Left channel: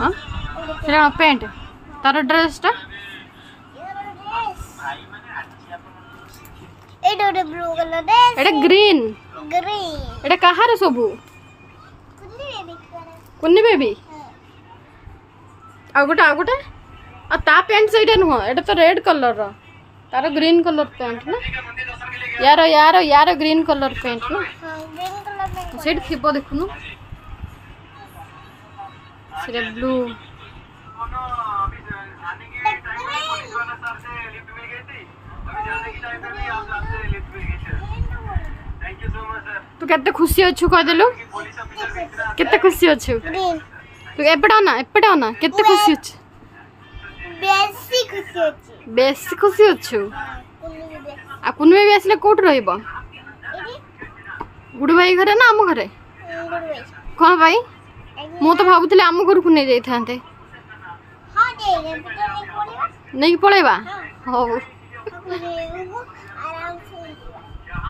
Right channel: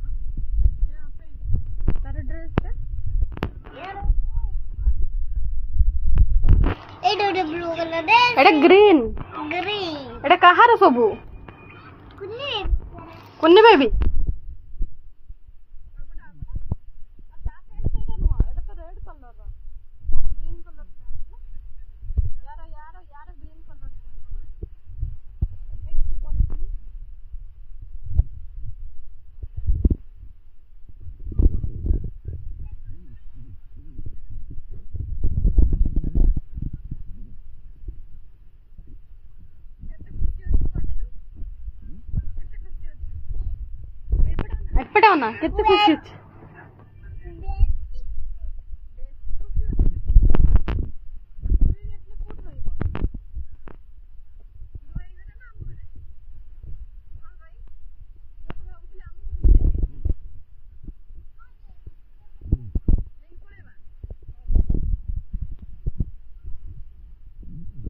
हाँ सेटा पेंट तार ड्रेसटा ब्लू कलर ड्रेस एटा ग्रीन ग्रीन एटा कहार सबू कुन्नी बेबी कुन्नी बेबी आ गोटे आ ता पैंट सहीटा नुह एटा तो रेड कलर रो तार ग्रीन कलर पैंट ना यार यार यार ग्रीन कलर पैंट ना ग्रीन कलर में सेट थिबो देखुनु सेटा ब्लू तू केते खुशी अच्छु कह देलु केते खुशी अच्छु ग्रीन तू एपटे ना केते खुशी अच्छु बेसी खुशी होची बेसी खुशी अच्छु आ पुन में भी आसले कोठ रहइबो गुडू भाई घरे ना आम घरे कौन भाई मु तो भाबुतले आम घर को नहीं जाई थांते हां दे नहीं पड़ेगा नहीं पळेबा हो